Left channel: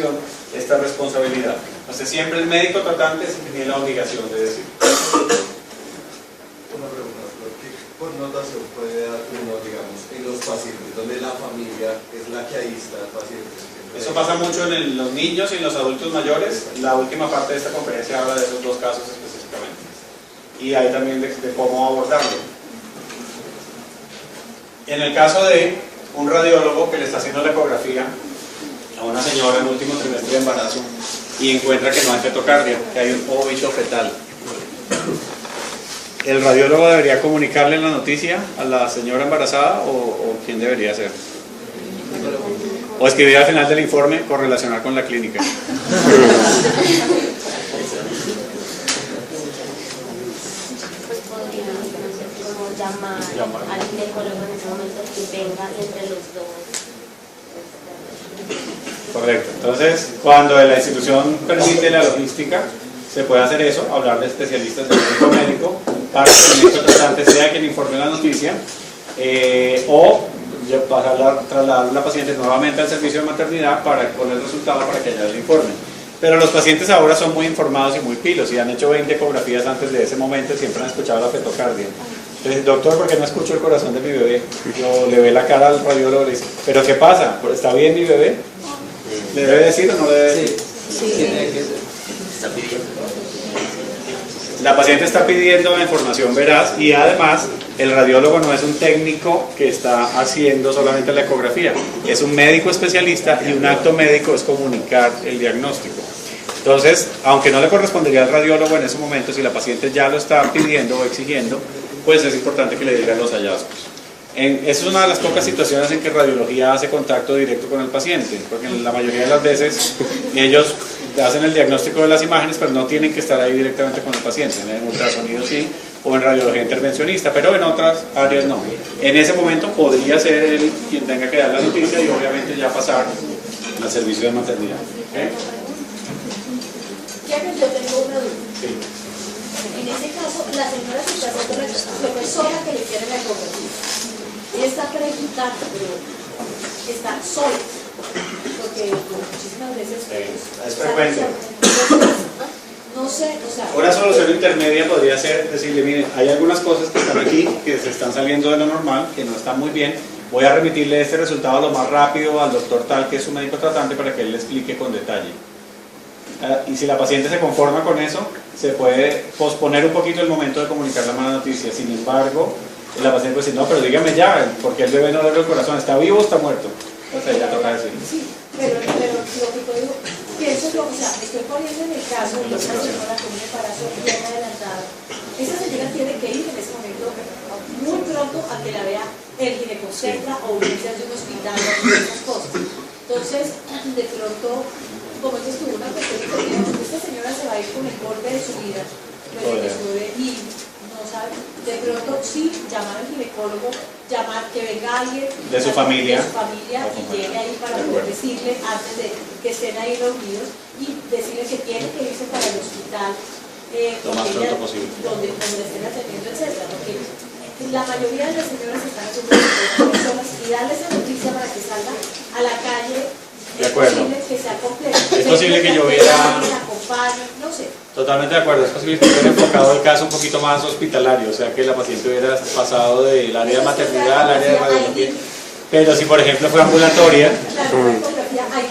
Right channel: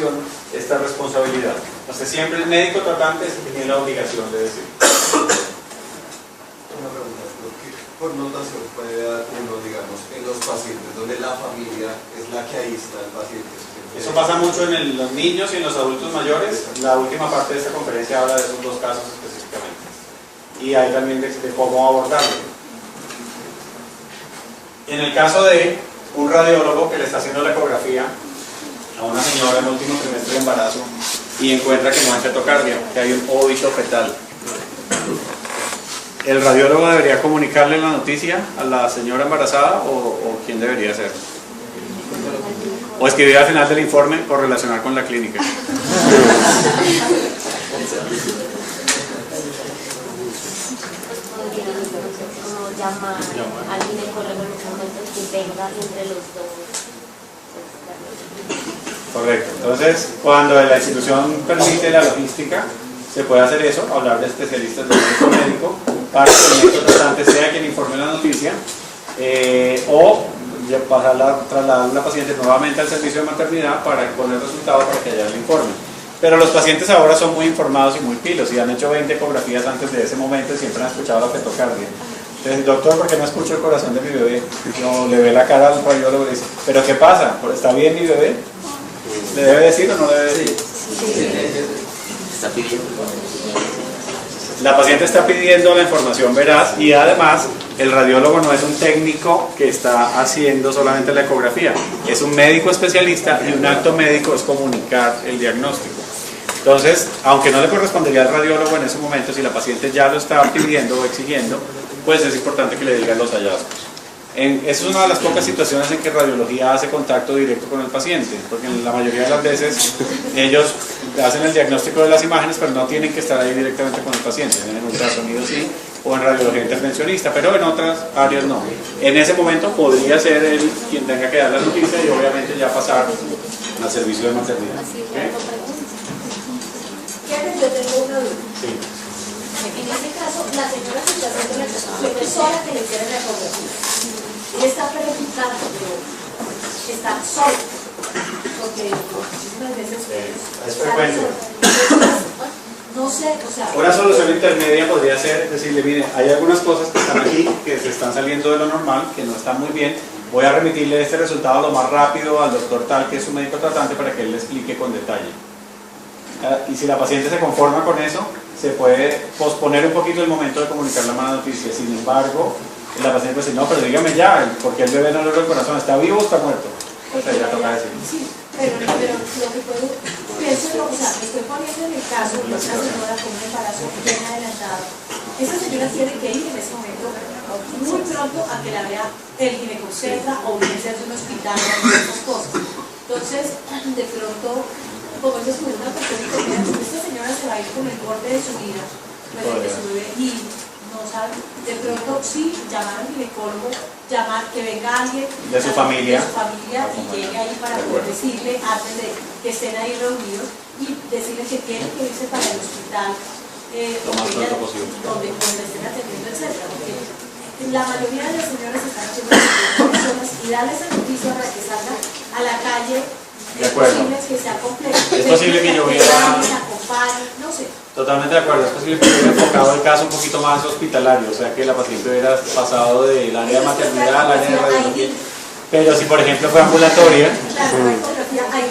información, esta responsabilidad. Entonces siempre el médico tratante es el que tiene la obligación de decir. Una pregunta, ¿qué connotación puede dar uno, digamos, en los pacientes donde la familia es la que aísla al paciente? Eso pasa mucho en los niños y en los adultos mayores. La última parte de esta conferencia habla de esos dos casos específicamente. Y hay también de cómo abordarlo. En el caso de un radiólogo que le está haciendo la ecografía a una señora en último trimestre de embarazo y encuentra que no hay fetocardia, que hay un óbito fetal, ¿el radiólogo debería comunicarle la noticia a la señora embarazada o quién debería hacerlo? O escribir al final del informe correlacionar con la clínica. Llamar al ginecólogo en ese momento que tenga entre los dos. Correcto. Entonces, cuando la institución permite la logística, se puede hacer eso, hablar de especialistas del médico para que el médico tratante sea quien informe la noticia, o trasladar a la paciente nuevamente al servicio de maternidad para poner el resultado para que haya el informe. Pero los pacientes ahora son muy informados y muy pilos y han hecho 20 ecografías antes de ese momento y siempre han escuchado la fetocardia. Entonces, doctor, ¿por qué no escucho el corazón de mi bebé? Yo le ve la cara al radiólogo y le dice, ¿pero qué pasa? ¿Está bien mi bebé? ¿Le debe decir o no le debe decir? Sí. Está pidiendo. La paciente está pidiendo la información veraz y además el radiólogo no es un técnico que está haciendo solamente la ecografía, es un médico especialista y un acto médico es comunicar el diagnóstico. Entonces, aunque no le correspondería al radiólogo en ese momento, si la paciente ya lo está pidiendo o exigiendo, pues es importante que le digan los hallazgos. Esa es una de las pocas situaciones en que radiología hace contacto directo con el paciente, porque en la mayoría de las veces ellos hacen el diagnóstico de las imágenes, pero no tienen que estar ahí directamente con el paciente. En ultrasonido sí, o en radiología intervencionista, pero en otras áreas no. En ese momento podría ser él quien tenga que dar la noticia y obviamente ya pasar al servicio de maternidad. ¿Okay? Yo tengo una duda. Sí. En este caso, la señora se está haciendo la profesora que le hiciera la ecografía. Ella está preguntando, pero está sola. Porque muchísimas veces es frecuente. No sé, o sea... Una solución intermedia podría ser decirle, mire, hay algunas cosas que están aquí, que se están saliendo de lo normal, que no están muy bien. Voy a remitirle este resultado lo más rápido al doctor tal, que es un médico tratante, para que él le explique con detalle. Y si la paciente se conforma con eso, se puede posponer un poquito el momento de comunicar la mala noticia. Sin embargo, la paciente dice, no, pero dígame ya, porque el bebé no le duele el corazón, ¿está vivo o está muerto? Entonces ya toca decir. Sí, pero lo que puedo, pienso yo, o sea, me estoy poniendo en el caso de una señora con un embarazo bien adelantado. Esa señora tiene que ir en ese momento muy pronto a que la vea el ginecobstetra o urgencias de un hospital o esas cosas. Entonces, de pronto, como se descubre una persona que esta señora se va a ir con el borde de su vida, pues de que su bebé, y no sabe, de pronto sí, llamar al ginecólogo, llamar que venga alguien de su familia y llegue ahí para poder decirle antes de que estén ahí reunidos y decirle que tiene que irse para el hospital donde le estén atendiendo, etcétera, porque la mayoría de las señoras están haciendo personas y darle esa noticia para que salgan a la calle. De acuerdo. Es posible que sea complejo. Es posible que yo hubiera... No sé. Totalmente de acuerdo, es posible que hubiera enfocado el caso un poquito más hospitalario, o sea que la paciente hubiera pasado del área de maternidad al área de radiología. Pero si por ejemplo fue ambulatoria,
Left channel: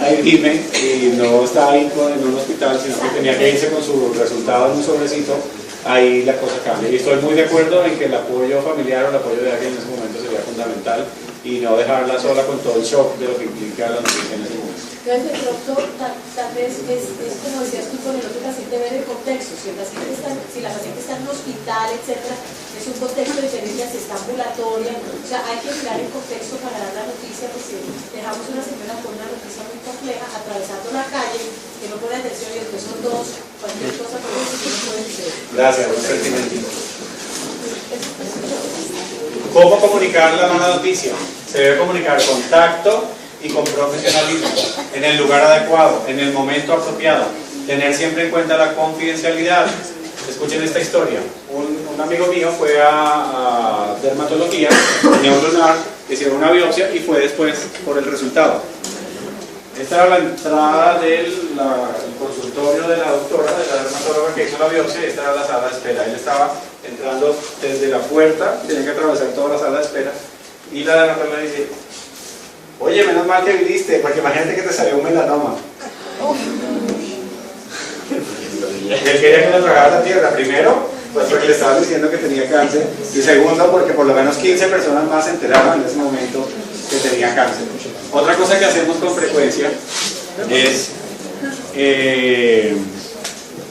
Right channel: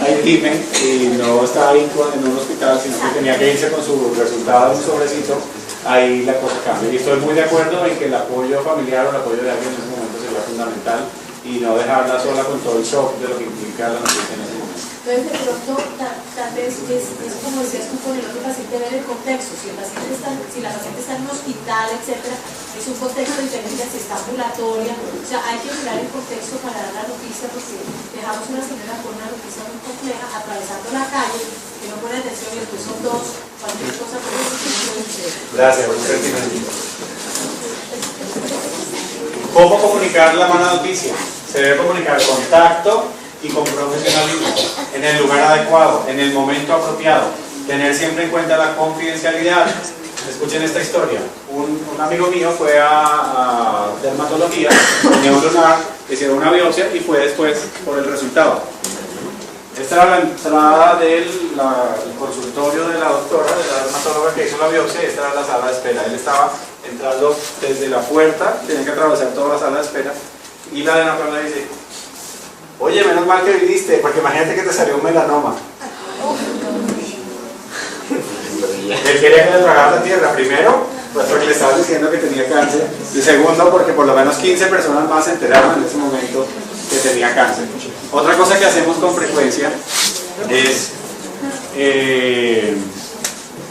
ahí dime, y no estaba ahí en un hospital, sino que tenía que irse con su resultado en un sobrecito, ahí la cosa cambia. Y estoy muy de acuerdo en que el apoyo familiar o el apoyo de alguien en ese momento sería fundamental y no dejarla sola con todo el shock de lo que implica la noticia en ese momento. Entonces, de pronto, tal vez es como decías tú con el otro paciente, ver el contexto. Si la paciente está en un hospital, etcétera, es un contexto diferente a si está ambulatoria. O sea, hay que mirar el contexto para dar la noticia, porque dejamos una señora con una noticia muy compleja atravesando la calle, que no pone atención y después son dos, cualquier cosa por eso que no puede suceder. Gracias, un sentimiento. ¿Cómo comunicar la mala noticia? Se debe comunicar con tacto y con profesionalismo, en el lugar adecuado, en el momento apropiado, tener siempre en cuenta la confidencialidad. Escuchen esta historia. Un amigo mío fue a dermatología, tenía un lunar, le hicieron una biopsia y fue después por el resultado. Esta era la entrada del consultorio de la doctora, de la dermatóloga que hizo la biopsia, y esta era la sala de espera. Él estaba entrando desde la puerta, tenía que atravesar toda la sala de espera, y la dermatóloga dice: oye, menos mal que viniste, porque imagínate que te salió un melanoma. Él quería que le tragara la tierra, primero, pues porque le estaban diciendo que tenía cáncer, y segundo, porque por lo menos 15 personas más se enteraron en ese momento que tenía cáncer. Otra cosa que hacemos con frecuencia es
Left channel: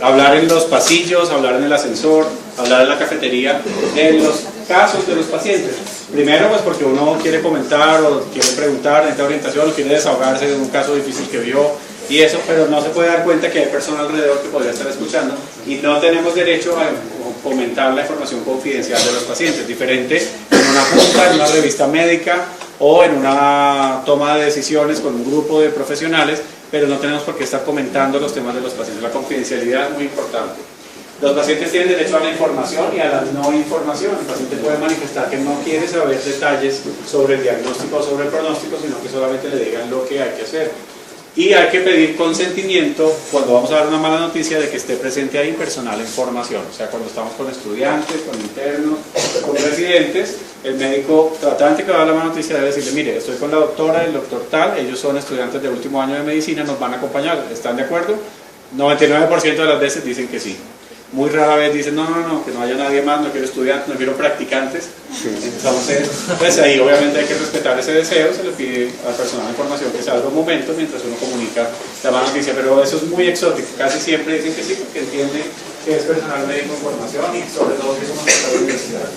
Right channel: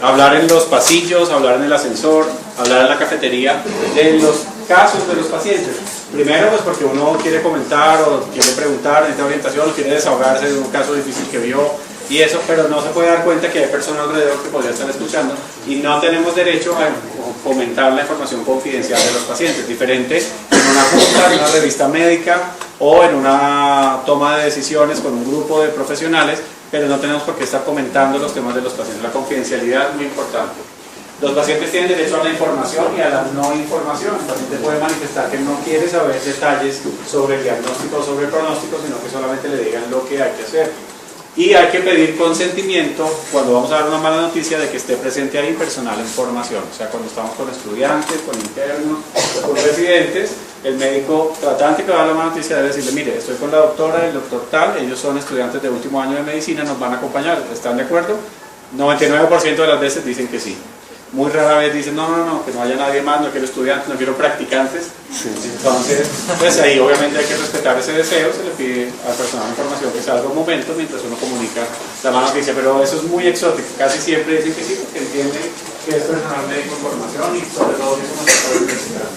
hablar en los pasillos, hablar en el ascensor, hablar en la cafetería de los casos de los pacientes. Primero, pues porque uno quiere comentar o quiere preguntar, necesita orientación, quiere desahogarse de un caso difícil que vio y eso, pero no se puede dar cuenta que hay personas alrededor que podría estar escuchando y no tenemos derecho a comentar la información confidencial de los pacientes, diferente en una junta, en una revista médica o en una toma de decisiones con un grupo de profesionales, pero no tenemos por qué estar comentando los temas de los pacientes. La confidencialidad es muy importante. Los pacientes tienen derecho a la información y a la no información. El paciente puede manifestar que no quiere saber detalles sobre el diagnóstico o sobre el pronóstico, sino que solamente le digan lo que hay que hacer. Y hay que pedir consentimiento cuando vamos a dar una mala noticia de que esté presente ahí personal en formación. O sea, cuando estamos con estudiantes, con internos, con residentes, el médico tratante que va a dar la mala noticia debe decirle: mire, estoy con la doctora, el doctor tal, ellos son estudiantes de último año de medicina, nos van a acompañar, ¿están de acuerdo? 99% de las veces dicen que sí. Muy rara vez dicen: no, que no haya nadie más, no quiero estudiantes, no quiero practicantes. Entonces, pues ahí obviamente hay que respetar ese deseo, se le pide al personal de formación que salga un momento mientras uno comunica la mala noticia, pero eso es muy exótico, casi siempre dicen que sí, porque entienden que es personal médico en formación y sobre todo si es una persona de universidad.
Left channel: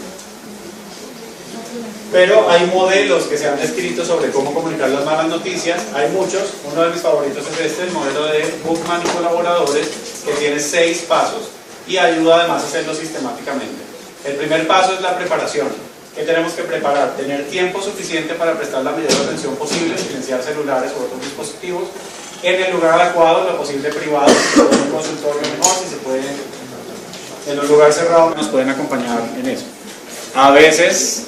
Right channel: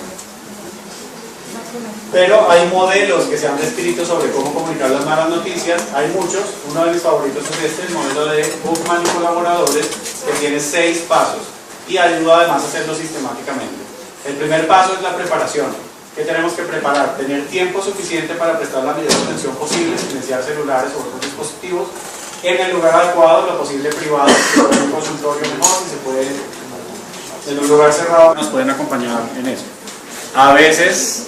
Pero hay modelos que se han descrito sobre cómo comunicar las malas noticias, hay muchos, uno de mis favoritos es este, el modelo de Buchmann y colaboradores, que tiene 6 pasos. Y ayuda además a hacerlo sistemáticamente. El primer paso es la preparación. ¿Qué tenemos que preparar? Tener tiempo suficiente para prestar la mayor atención posible, silenciar celulares o otros dispositivos, en el lugar adecuado, lo posible privado, en un consultorio mejor, si se puede, en un lugar cerrado, nos pueden acompañar en eso. A veces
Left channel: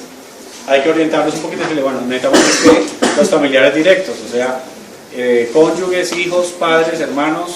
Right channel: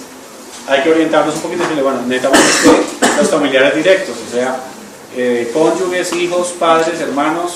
hay que orientarnos un poquito y decirle: bueno, necesitamos que los familiares directos, o sea, cónyuges, hijos, padres, hermanos,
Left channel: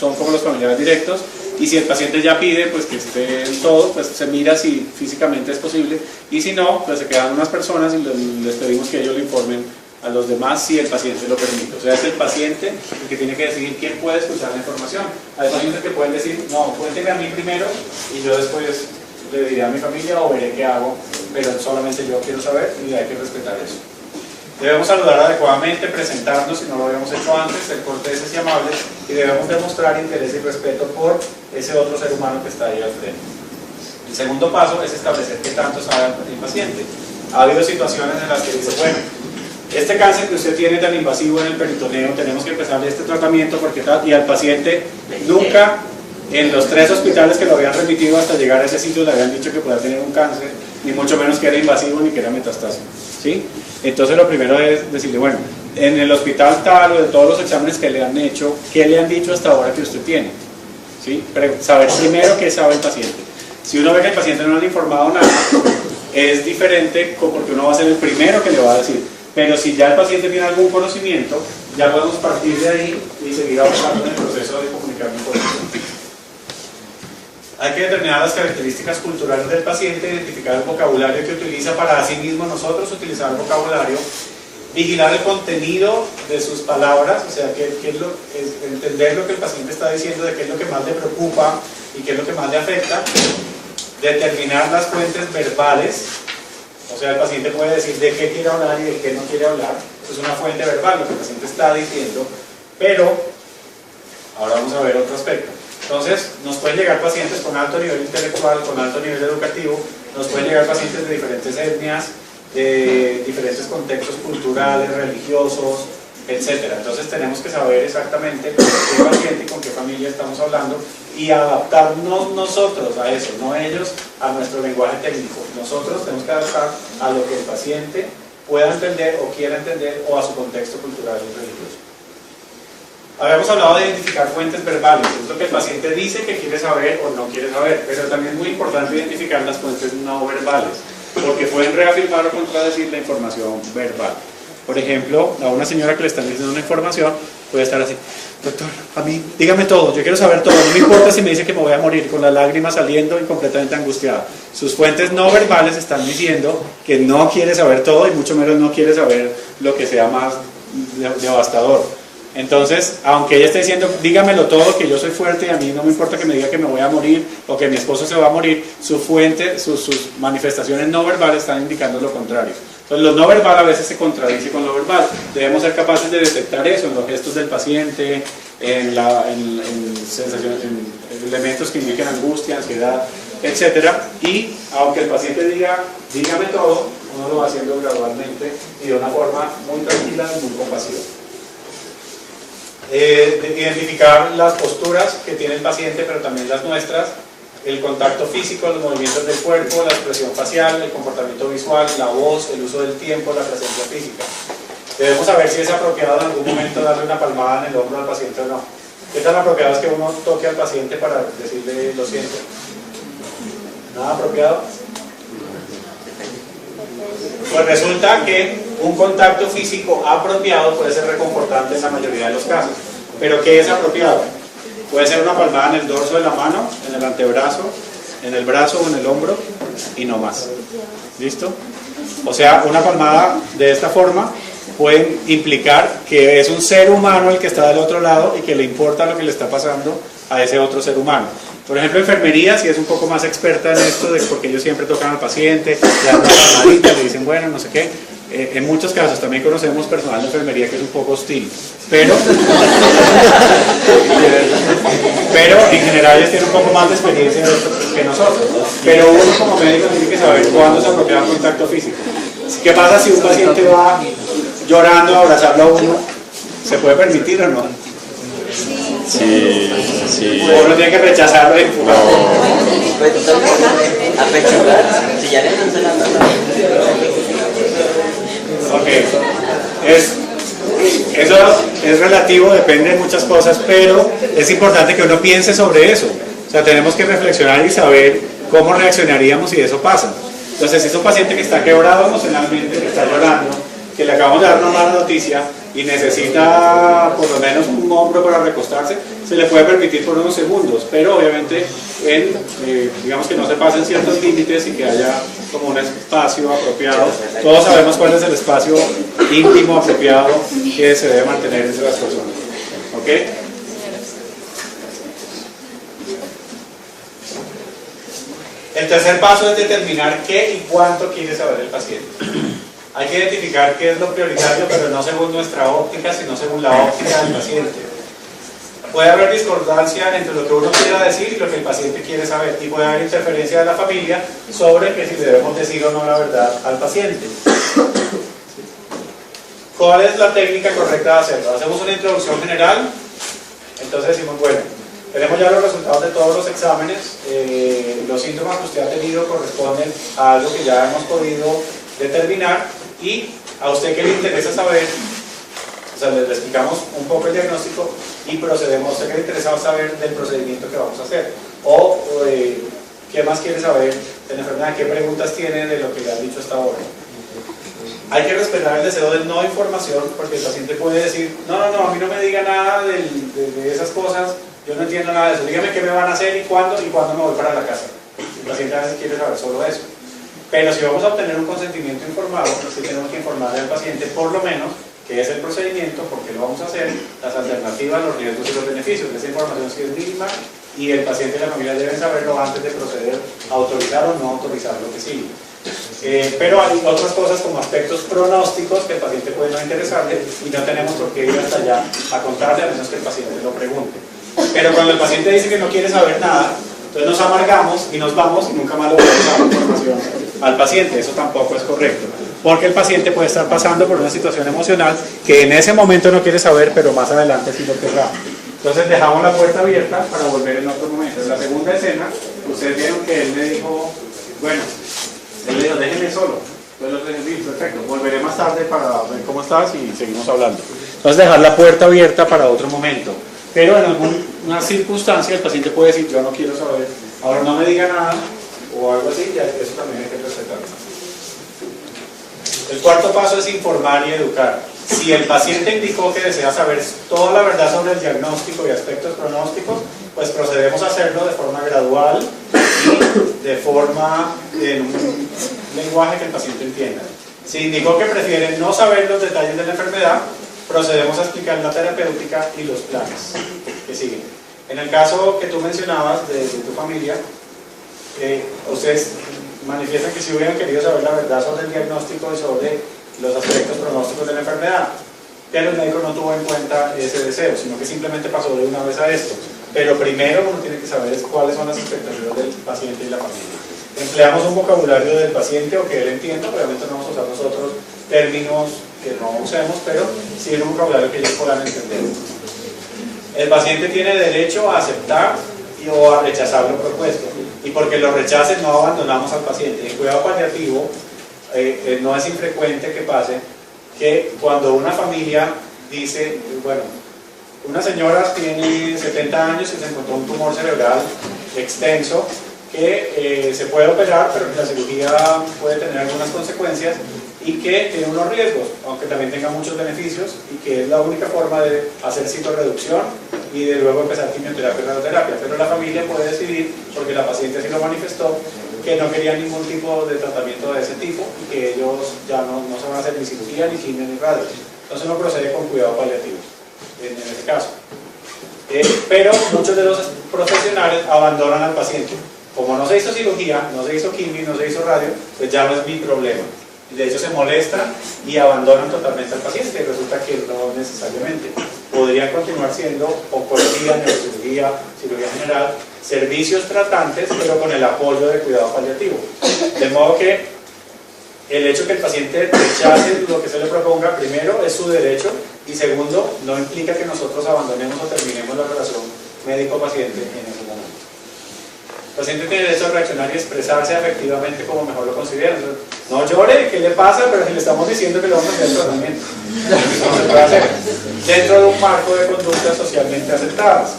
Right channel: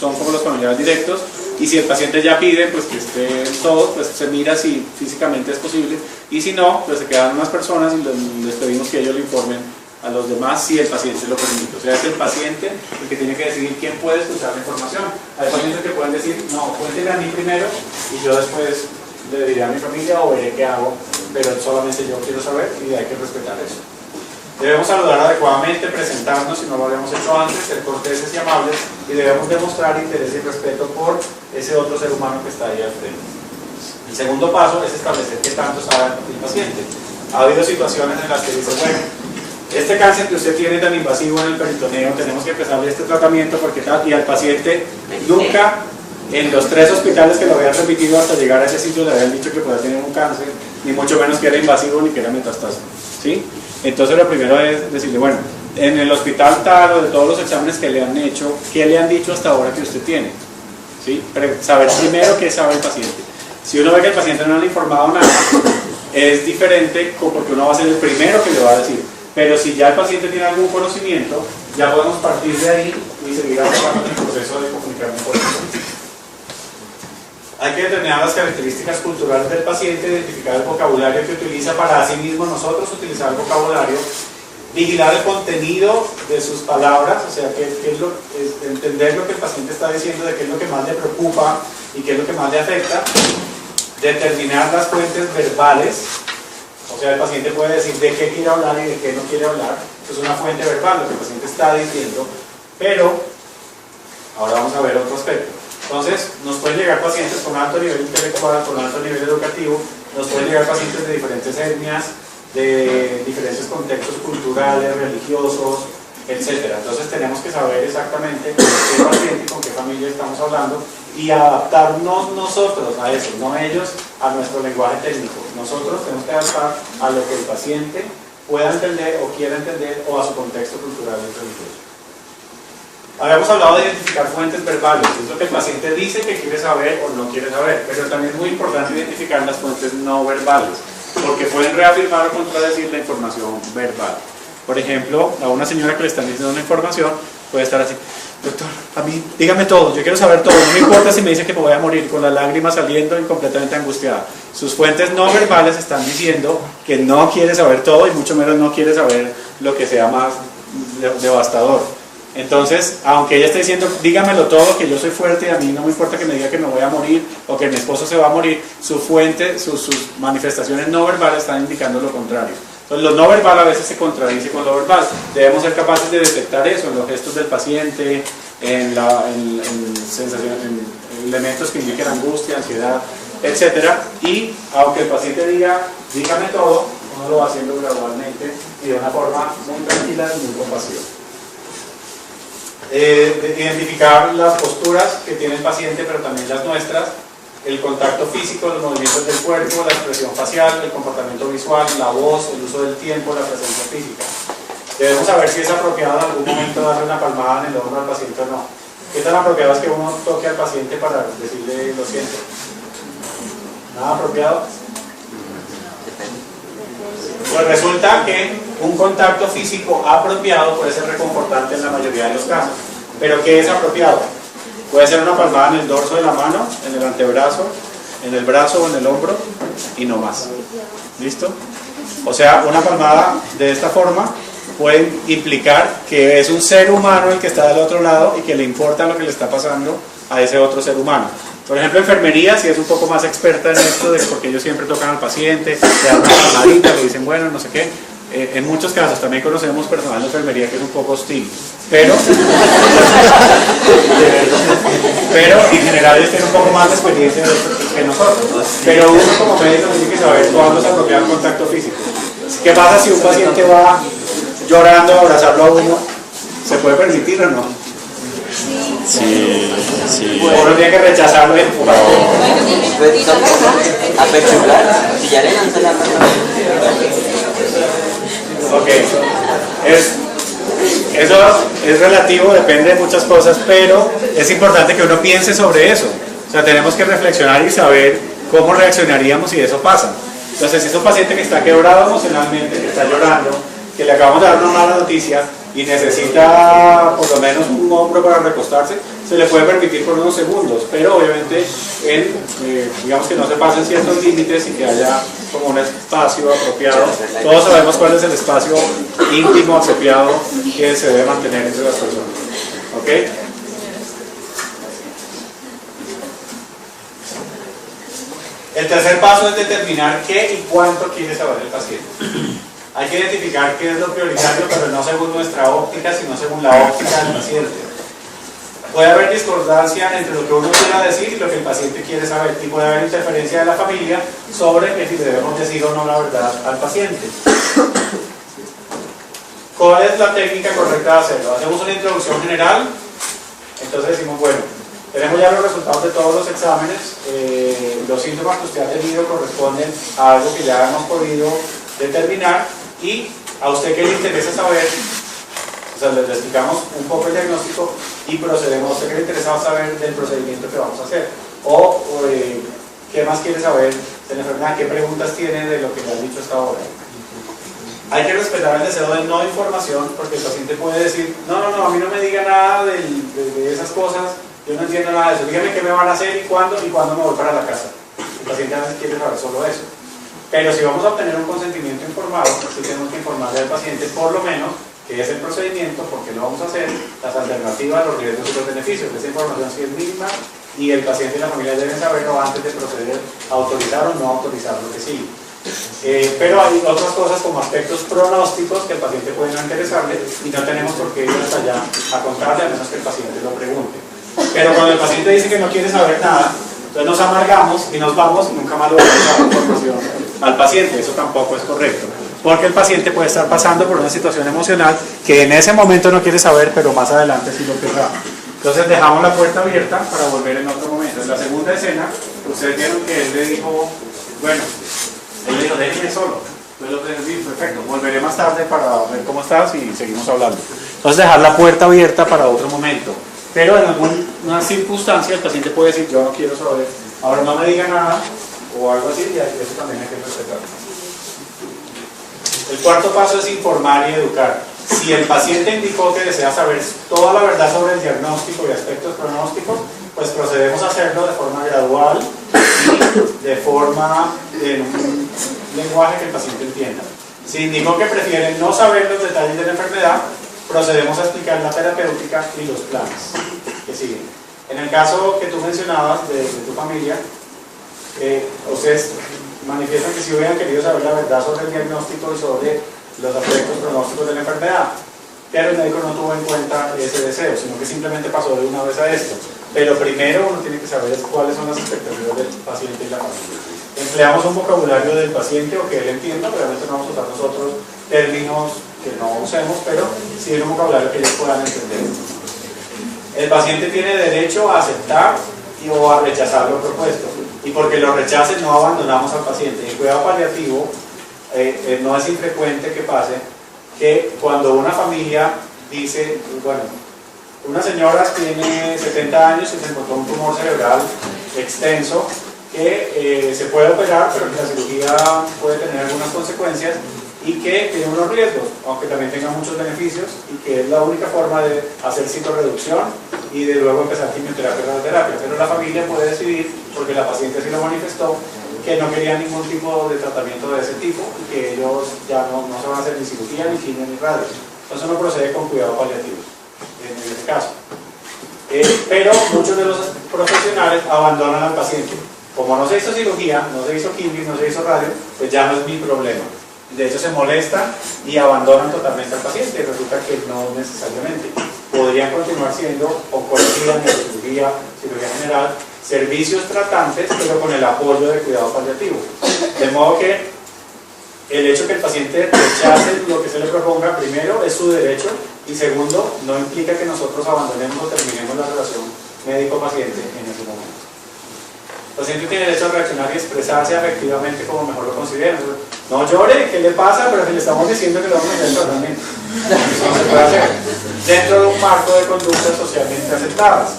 son como los familiares directos. Y si el paciente ya pide, pues que estén todos, pues se mira si físicamente es posible, y si no, pues se quedan unas personas y les pedimos que ellos le informen a los demás si el paciente lo permite. O sea, es el paciente el que tiene que decidir quién puede escuchar la información. Hay pacientes que pueden decir: no, cuénteme a mí primero y yo después le diré a mi familia o veré qué hago, pero solamente yo quiero saber y hay que respetar eso. Debemos saludar adecuadamente, presentarnos si no lo habíamos hecho antes, ser corteses y amables, y debemos demostrar interés y respeto por ese otro ser humano que está ahí al frente. El segundo paso es establecer qué tanto sabe el paciente. Ha habido situaciones en las que dice: bueno, este cáncer que usted tiene tan invasivo en el peritoneo, tenemos que empezarle este tratamiento porque tal, y al paciente nunca en los 3 hospitales que lo habían repetido hasta llegar a ese sitio le habían dicho que podía tener un cáncer, ni mucho menos que era invasivo ni que era metastásico, ¿sí? Entonces lo primero es decirle: bueno, en el hospital tal o de todos los exámenes que le han hecho, ¿qué le han dicho hasta ahora que usted tiene? ¿Sí? Saber primero qué sabe el paciente. Si uno ve que el paciente no le han informado nada, es diferente porque uno va a ser el primero que le va a decir. Pero si ya el paciente tiene algún conocimiento, ya podemos partir de ahí y seguir avanzando en el proceso de comunicar mejor. Hay que determinar las características culturales del paciente, identificar el vocabulario que utiliza para sí mismo nosotros utilizar el vocabulario, vigilar el contenido de sus palabras, o sea, entender lo que el paciente está diciendo, de qué es lo que más le preocupa y qué es lo que más le afecta, determinar las fuentes verbales, o sea, el paciente puede decir de qué quiere hablar y de qué no quiere hablar, eso es una fuente verbal, lo que el paciente está diciendo, pero ahora vamos a ver otro aspecto. Entonces, nos pueden llegar pacientes con alto nivel intelectual, con alto nivel educativo, nos pueden llegar pacientes de diferentes etnias, de diferentes contextos culturales, religiosos, etc. Entonces tenemos que saber exactamente con qué paciente y con qué familia estamos hablando y adaptarnos nosotros a eso, no ellos a nuestro lenguaje técnico. Nosotros tenemos que adaptar a lo que el paciente pueda entender o quiera entender o a su contexto cultural y religioso. Habíamos hablado de identificar fuentes verbales, es lo que el paciente dice que quiere saber o no quiere saber, pero también es muy importante identificar las fuentes no verbales, porque pueden reafirmar o contradecir la información verbal. Por ejemplo, a una señora que le están diciendo una información, puede estar así: doctor, a mí, dígame todo, yo quiero saber todo, no me importa si me dice que me voy a morir, con las lágrimas saliendo y completamente angustiada. Sus fuentes no verbales están diciendo que no quiere saber todo y mucho menos no quiere saber lo que sea más devastador. Entonces, aunque ella esté diciendo, dígamelo todo, que yo soy fuerte y a mí no me importa que me diga que me voy a morir o que mi esposo se va a morir, su fuente, sus manifestaciones no verbales están indicando lo contrario. Entonces, lo no verbal a veces se contradice con lo verbal. Debemos ser capaces de detectar eso en los gestos del paciente, en sensaciones, en elementos que indiquen angustia, ansiedad, etc. Y aunque el paciente diga, dígame todo, uno lo va haciendo gradualmente y de una forma muy tranquila y muy compasiva. Identificar las posturas que tiene el paciente, pero también las nuestras, el contacto físico, los movimientos del cuerpo, la expresión facial, el comportamiento visual, la voz, el uso del tiempo, la presencia física. Debemos saber si es apropiado en algún momento darle una palmada en el hombro al paciente o no. ¿Qué tan apropiado es que uno toque al paciente para decirle lo siento? ¿Nada apropiado? Pues resulta que un contacto físico apropiado puede ser reconfortante en la mayoría de los casos. ¿Pero qué es apropiado? Puede ser una palmada en el dorso de la mano, en el antebrazo, en el brazo o en el hombro y no más. ¿Listo? O sea, una palmada de esta forma puede implicar que es un ser humano el que está del otro lado y que le importa lo que le está pasando a ese otro ser humano. Por ejemplo, enfermería, si es un poco más experta en esto, porque ellos siempre tocan al paciente, le dan una palmadita, le dicen, bueno, no sé qué. En muchos casos también conocemos personal de enfermería que es un poco hostil, pero en general ellos tienen un poco más de experiencia que nosotros. Pero uno como médico tiene que saber cuándo se apropia el contacto físico. ¿Qué pasa si un paciente va llorando a abrazarlo a uno? ¿Se puede permitir o no? Sí, sí. Uno tiene que rechazarlo y empujarlo. Ok, eso es relativo, depende de muchas cosas, pero es importante que uno piense sobre eso. O sea, tenemos que reflexionar y saber cómo reaccionaríamos si eso pasa. Entonces, si es un paciente que está quebrado emocionalmente, que está llorando, que le acabamos de dar una mala noticia y necesita por lo menos un hombro para recostarse, se le puede permitir por unos segundos, pero obviamente digamos que no se pasen ciertos límites y que haya como un espacio apropiado. Todos sabemos cuál es el espacio íntimo apropiado que se debe mantener entre las personas. ¿Ok? El tercer paso es determinar qué y cuánto quiere saber el paciente. Hay que identificar qué es lo prioritario, pero no según nuestra óptica, sino según la óptica del paciente. Puede haber discordancia entre lo que uno quiera decir y lo que el paciente quiere saber, y puede haber interferencia de la familia sobre que si debemos decir o no la verdad al paciente. ¿Cuál es la técnica correcta de hacerlo? Hacemos una introducción general, entonces decimos, bueno, tenemos ya los resultados de todos los exámenes, los síntomas que usted ha tenido corresponden a algo que ya hemos podido determinar, y a usted que le interesa saber, o sea, le explicamos un poco el diagnóstico y procedemos. A usted que le interesa saber del procedimiento que vamos a hacer, o qué más quiere saber de la enfermedad, qué preguntas tiene de lo que le han dicho hasta ahora. Hay que respetar el deseo de no información, porque el paciente puede decir, no, a mí no me diga nada de esas cosas, yo no entiendo nada de eso, dígame qué me van a hacer y cuándo me voy para la casa. El paciente a veces quiere saber solo eso. Pero si vamos a obtener un consentimiento informado, sí tenemos que informarle al paciente por lo menos qué es el procedimiento, por qué lo vamos a hacer, las alternativas, los riesgos y los beneficios. Esa información sí es mínima y el paciente y la familia deben saberlo antes de proceder a autorizar o no autorizar lo que sigue. Pero hay otras cosas como aspectos pronósticos que al paciente puede no interesarle y no tenemos por qué ir hasta allá a contarle, a menos que el paciente lo pregunte. Pero cuando el paciente dice que no quiere saber nada, entonces nos amargamos y nos vamos y nunca más lo vamos a dar información al paciente. Eso tampoco es correcto, porque el paciente puede estar pasando por una situación emocional que en ese momento no quiere saber, pero más adelante sí lo querrá. Entonces dejamos la puerta abierta para volver en otro momento. En la segunda escena, ustedes vieron que él le dijo, bueno, él le dijo, déjenme solo. Entonces los dejé, perfecto, volveré más tarde para ver cómo estás y seguimos hablando. Entonces dejar la puerta abierta para otro momento. Pero en alguna circunstancia el paciente puede decir, yo no quiero saber, ahora no me diga nada, o algo así, y eso también hay que respetarlo. El cuarto paso es informar y educar. Si el paciente indicó que desea saber toda la verdad sobre el diagnóstico y aspectos pronósticos, pues procedemos a hacerlo de forma gradual y de forma en un lenguaje que el paciente entienda. Si indicó que prefiere no saber los detalles de la enfermedad, procedemos a explicar la terapéutica y los planes que siguen. En el caso que tú mencionabas de tu familia, ustedes manifiestan que si hubieran querido saber la verdad sobre el diagnóstico y sobre los aspectos pronósticos de la enfermedad, pero el médico no tuvo en cuenta ese deseo, sino que simplemente pasó de una vez a esto. Pero primero uno tiene que saber cuáles son las expectativas del paciente y la familia. Empleamos un vocabulario del paciente o que él entienda, obviamente no vamos a usar nosotros términos que no usemos, pero sí un vocabulario que ellos puedan entender. El paciente tiene derecho a aceptar o a rechazar lo propuesto, y porque lo rechacen no abandonamos al paciente. En cuidado paliativo no es infrecuente que pase que cuando una familia dice, bueno, una señora tiene 70 años y se encontró un tumor cerebral extenso que se puede operar, pero que la cirugía puede tener algunas consecuencias y que tiene unos riesgos, aunque también tenga muchos beneficios, y que es la única forma de hacer citorreducción y de luego empezar quimioterapia y radioterapia. Pero la familia puede decidir, porque la paciente así lo manifestó, que no querían ningún tipo de tratamiento de ese tipo y que ellos ya no se van a hacer ni cirugía, ni quimio, ni radio. Entonces uno procede con cuidado paliativo en este caso. Pero muchos de los profesionales abandonan al paciente. Como no se hizo cirugía, no se hizo quimio, no se hizo radio, pues ya no es mi problema. De hecho se molestan y abandonan totalmente al paciente, y resulta que no necesariamente. Podrían continuar siendo oncología, neurocirugía, cirugía general, servicios tratantes, pero con el apoyo de cuidado paliativo. De modo que el hecho que el paciente rechace lo que se le proponga, primero, es su derecho, y segundo, no implica que nosotros abandonemos o terminemos la relación médico-paciente en ese momento. El paciente tiene derecho a reaccionar y expresarse afectivamente como mejor lo considera. No llore, ¿qué le pasa? Pero si le estamos diciendo que le vamos a hacer el tratamiento. Eso no se puede hacer dentro de un marco de conductas socialmente aceptadas.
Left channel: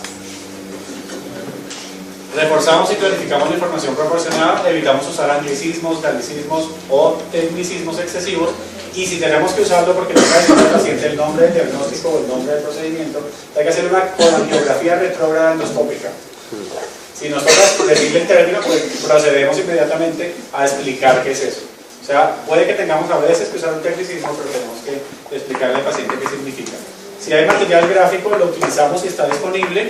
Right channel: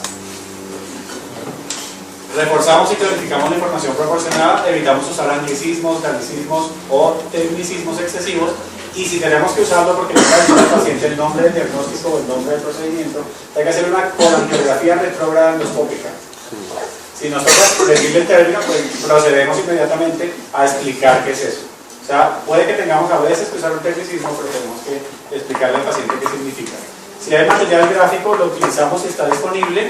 Reforzamos y clarificamos la información proporcionada, evitamos usar anglicismos, galicismos o tecnicismos excesivos, y si tenemos que usarlo porque no sabe decir al paciente el nombre del diagnóstico o el nombre del procedimiento, hay que hacer una coreografía retrógrada endoscópica. Si nos toca decirle el término, pues procedemos inmediatamente a explicar qué es eso. O sea, puede que tengamos a veces que usar un tecnicismo, pero tenemos que explicarle al paciente qué significa. Si hay material gráfico, lo utilizamos si está disponible.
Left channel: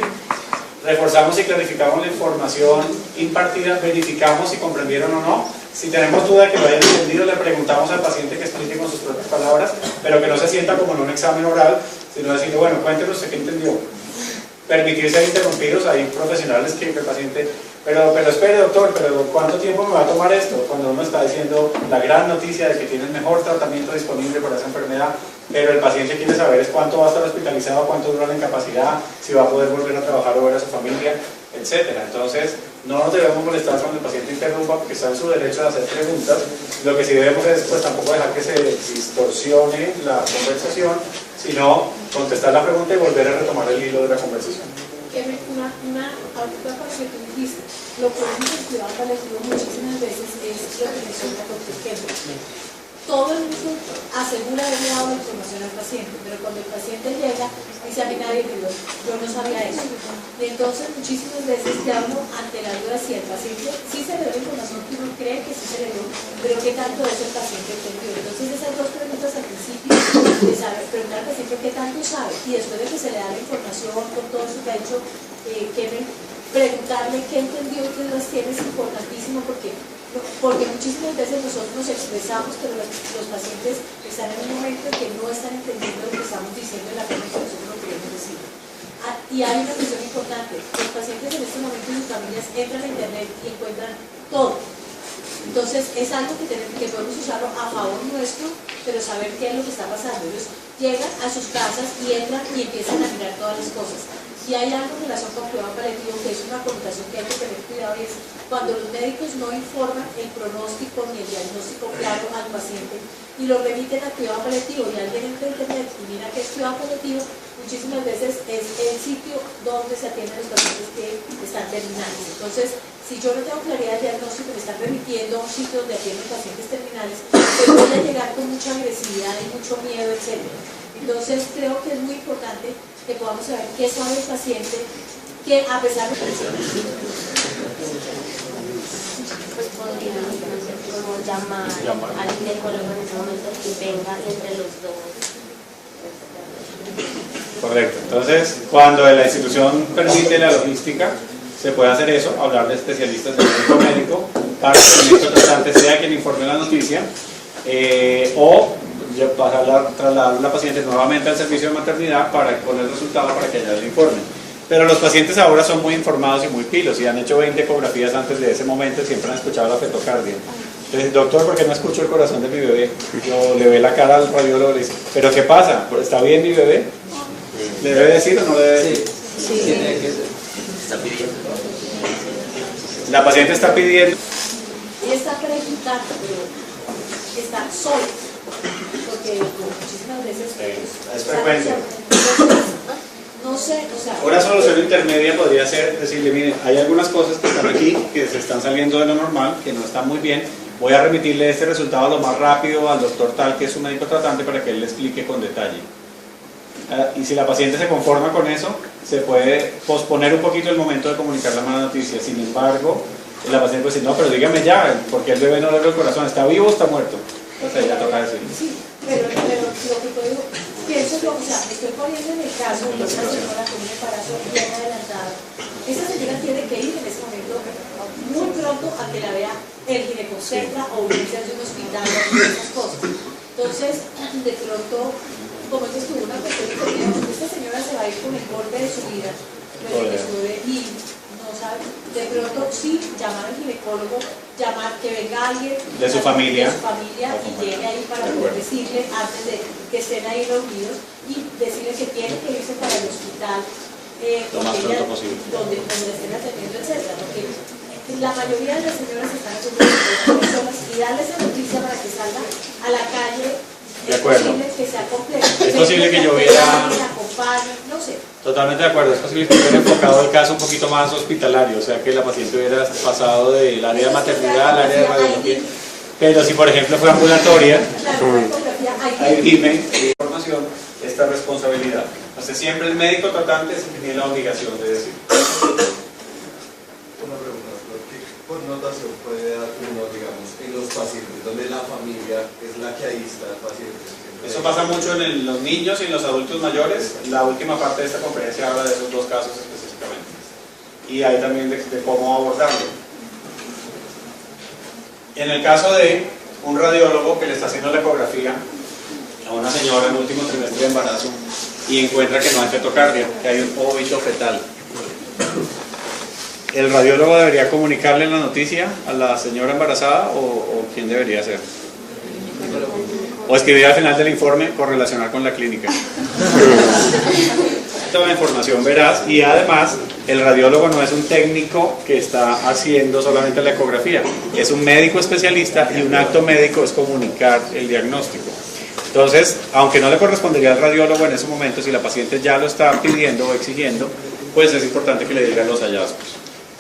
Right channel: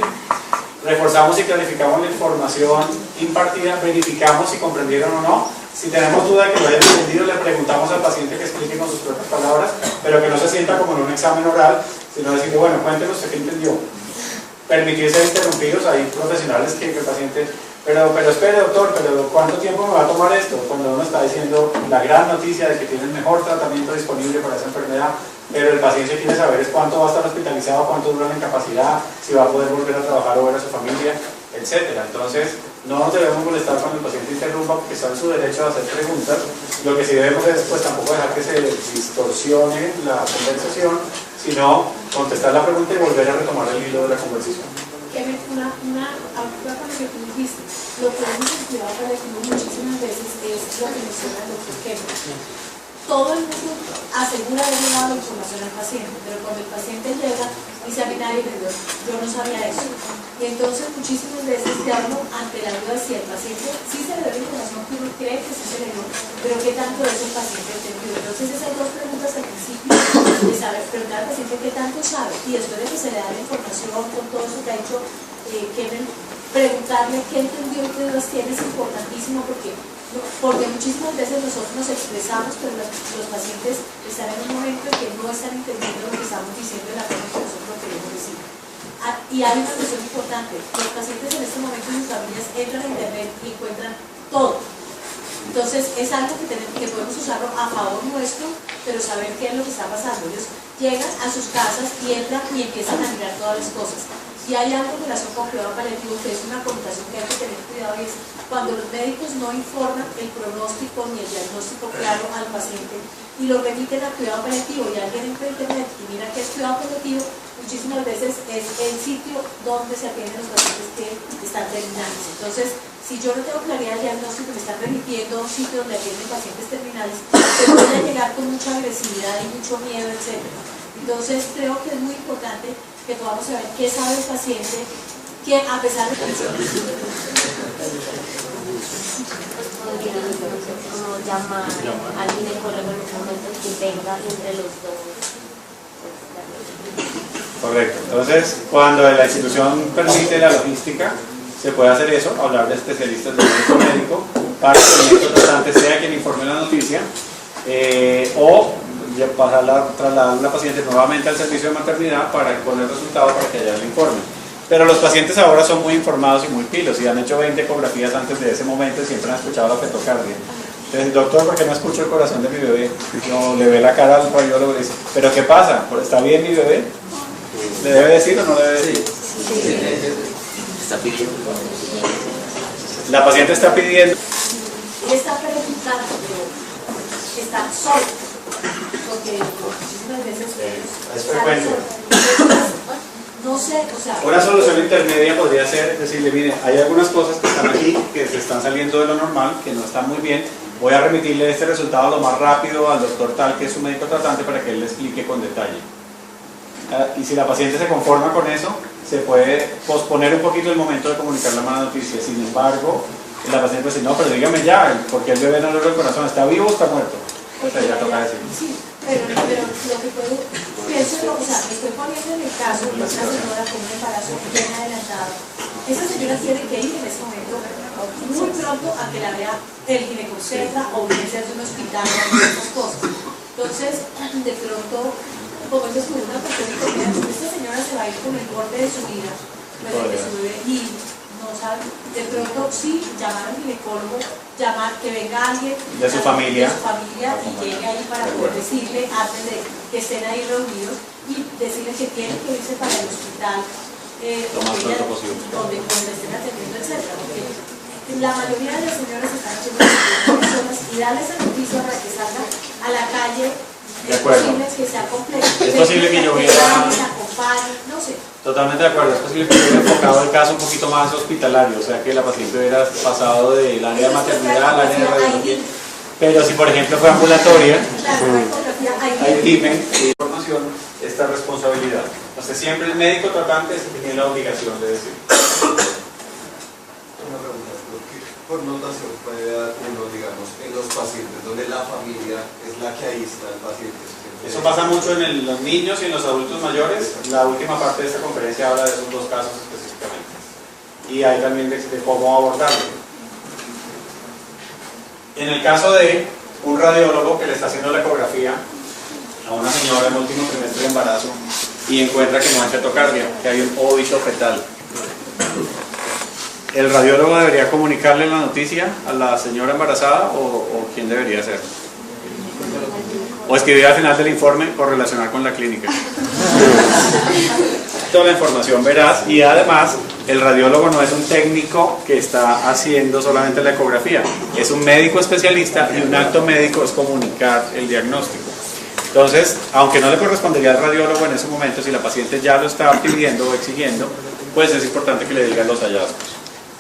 Reforzamos y clarificamos la información impartida, verificamos si comprendieron o no. Si tenemos duda de que lo hayan entendido, le preguntamos al paciente que explique con sus propias palabras, pero que no se sienta como en un examen oral, sino decirle, bueno, cuéntenos usted qué entendió. Permitir ser interrumpidos, hay profesionales que el paciente, pero espere doctor, pero ¿cuánto tiempo me va a tomar esto? Cuando uno está diciendo la gran noticia de que tiene el mejor tratamiento disponible para esa enfermedad, pero el paciente quiere saber es cuánto va a estar hospitalizado, cuánto dura la incapacidad, si va a poder volver a trabajar o ver a su familia, etc. Entonces, no nos debemos molestar cuando el paciente interrumpa porque está en su derecho a hacer preguntas. Lo que sí debemos es pues, tampoco dejar que se distorsione la conversación, sino contestar la pregunta y volver a retomar el hilo de la conversación. Una cosa con lo que tú dijiste, lo que hemos estudiado paliativo muchísimas veces es lo que menciona el doctor Kevin. Todo el mundo asegura haberle dado la información al paciente, pero cuando el paciente llega, dice a mí nadie me dio, yo no sabía eso. Y entonces muchísimas veces quedamos ante la duda de si el paciente sí se le dio la información que uno cree que sí se le dio, pero qué tanto es el paciente entendió. Entonces esas dos preguntas al principio, de saber, preguntar al paciente qué tanto sabe, y después de que se le da la información con todo eso que ha dicho Kevin, preguntarle qué entendió, qué dudas tiene, es importantísimo porque muchísimas veces nosotros nos expresamos, pero los pacientes están en un momento en que no están entendiendo lo que estamos diciendo en la forma que nosotros lo queremos decir. Y hay una cuestión importante, los pacientes en este momento y sus familias entran a internet y encuentran todo. Entonces es algo que podemos usarlo a favor nuestro, pero saber qué es lo que está pasando. Ellos llegan a sus casas y entran y empiezan a mirar todas las cosas. Si hay algo en relación con cuidado paliativo, que es una connotación que hay que tener cuidado, y es cuando los médicos no informan el pronóstico ni el diagnóstico claro al paciente y lo remiten a cuidado paliativo, y alguien entra en internet y mira que es cuidado paliativo, muchísimas veces es el sitio donde se atienden los pacientes que están terminales. Entonces, si yo no tengo claridad de diagnóstico, me están remitiendo a un sitio donde atienden pacientes terminales, pues voy a llegar con mucha agresividad y mucho miedo, etc. Entonces, creo que es muy importante que podamos saber qué sabe el paciente, que a pesar de... Pues podría, no sé cómo llamar al ginecólogo en ese momento que tenga entre los dos. Correcto. Entonces, cuando la institución permite la logística, se puede hacer eso, hablar de especialistas de médico para que el médico tratante sea quien informe la noticia, o trasladar a la paciente nuevamente al servicio de maternidad para poner resultados para que allá le informen. Pero los pacientes ahora son muy informados y muy pilos y han hecho 20 ecografías antes de ese momento y siempre han escuchado la fetocardia. Entonces, doctor, ¿por qué no escucho el corazón de mi bebé? Yo le ve la cara al radiólogo y le dice, ¿pero qué pasa? ¿Está bien mi bebé? ¿Le debe decir o no le debe decir? Sí. Está pidiendo. La paciente está pidiendo. Él está preguntando, pero está solo, porque muchísimas veces Es frecuente. no sé, o sea... Una solución intermedia podría ser decirle, mire, hay algunas cosas que están aquí, que se están saliendo de lo normal, que no están muy bien, voy a remitirle este resultado lo más rápido al doctor tal, que es un médico tratante, para que él le explique con detalle. Y si la paciente se conforma con eso, se puede posponer un poquito el momento de comunicar la mala noticia. Sin embargo, la paciente dice, no, pero dígame ya, porque el bebé no le duele el corazón, ¿está vivo o está muerto? O sea, ya toca decir. Sí, pero lo que puedo, pienso yo, o sea, me estoy poniendo en el caso de una señora con un embarazo bien adelantado. Esa señora tiene que ir en ese momento muy pronto a que la vea el ginecobstetra o unirse de un hospital o esas cosas. Entonces, de pronto, como dices tú, una persona que esta señora se va a ir con el borde de su vida, pues de su bebé, y no sabe, de pronto sí, llamar al ginecólogo, llamar que venga alguien de su familia y llegue ahí para poder decirle, antes de que estén ahí reunidos, y decirle que tienen que irse para el hospital donde le estén atendiendo, etcétera, porque la mayoría de las señoras están haciendo personas y darle esa noticia para que salgan a la calle. De acuerdo. Es posible que sea complejo. Es posible que yo hubiera... no sé. Totalmente de acuerdo, es posible que hubiera enfocado el caso un poquito más hospitalario, o sea que la paciente hubiera pasado del área de maternidad al área de radiología. Pero si por ejemplo fue ambulatoria, ahí dime información, esta responsabilidad. Entonces siempre el médico tratante tiene la obligación de decir. Una pregunta, ¿qué connotación puede dar uno, digamos, en los pacientes donde la familia es la que aísla al paciente? Eso pasa mucho en los niños y en los adultos mayores. La última parte de esta conferencia habla de esos dos casos específicamente. Y hay también de cómo abordarlo. En el caso de un radiólogo que le está haciendo la ecografía a una señora en el último trimestre de embarazo y encuentra que no hay fetocardia, que hay un óbito fetal, ¿el radiólogo debería comunicarle la noticia a la señora embarazada o quién debería hacerlo? O escribir al final del informe correlacionar con la clínica. Toda la información veraz, y además el radiólogo no es un técnico que está haciendo solamente la ecografía, es un médico especialista y un acto médico es comunicar el diagnóstico. Entonces, aunque no le correspondería al radiólogo en ese momento, si la paciente ya lo está pidiendo o exigiendo, pues es importante que le digan los hallazgos.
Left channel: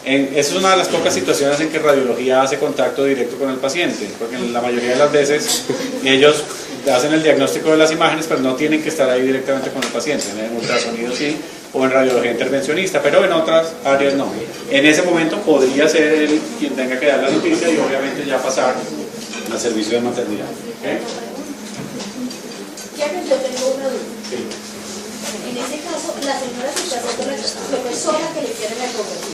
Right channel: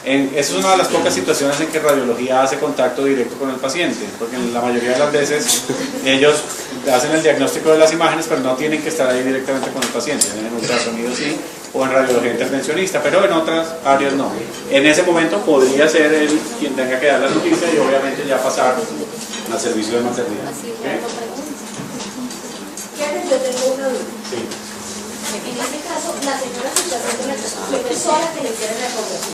Esa es una de las pocas situaciones en que radiología hace contacto directo con el paciente, porque en la mayoría de las veces ellos hacen el diagnóstico de las imágenes, pero no tienen que estar ahí directamente con el paciente. En ultrasonido sí, o en radiología intervencionista, pero en otras áreas no. En ese momento podría ser él quien tenga que dar la noticia y obviamente ya pasar al servicio de maternidad. ¿Okay? Yo tengo una duda. Sí. En este caso, la señora se está haciendo la persona que le quiere la ecografía.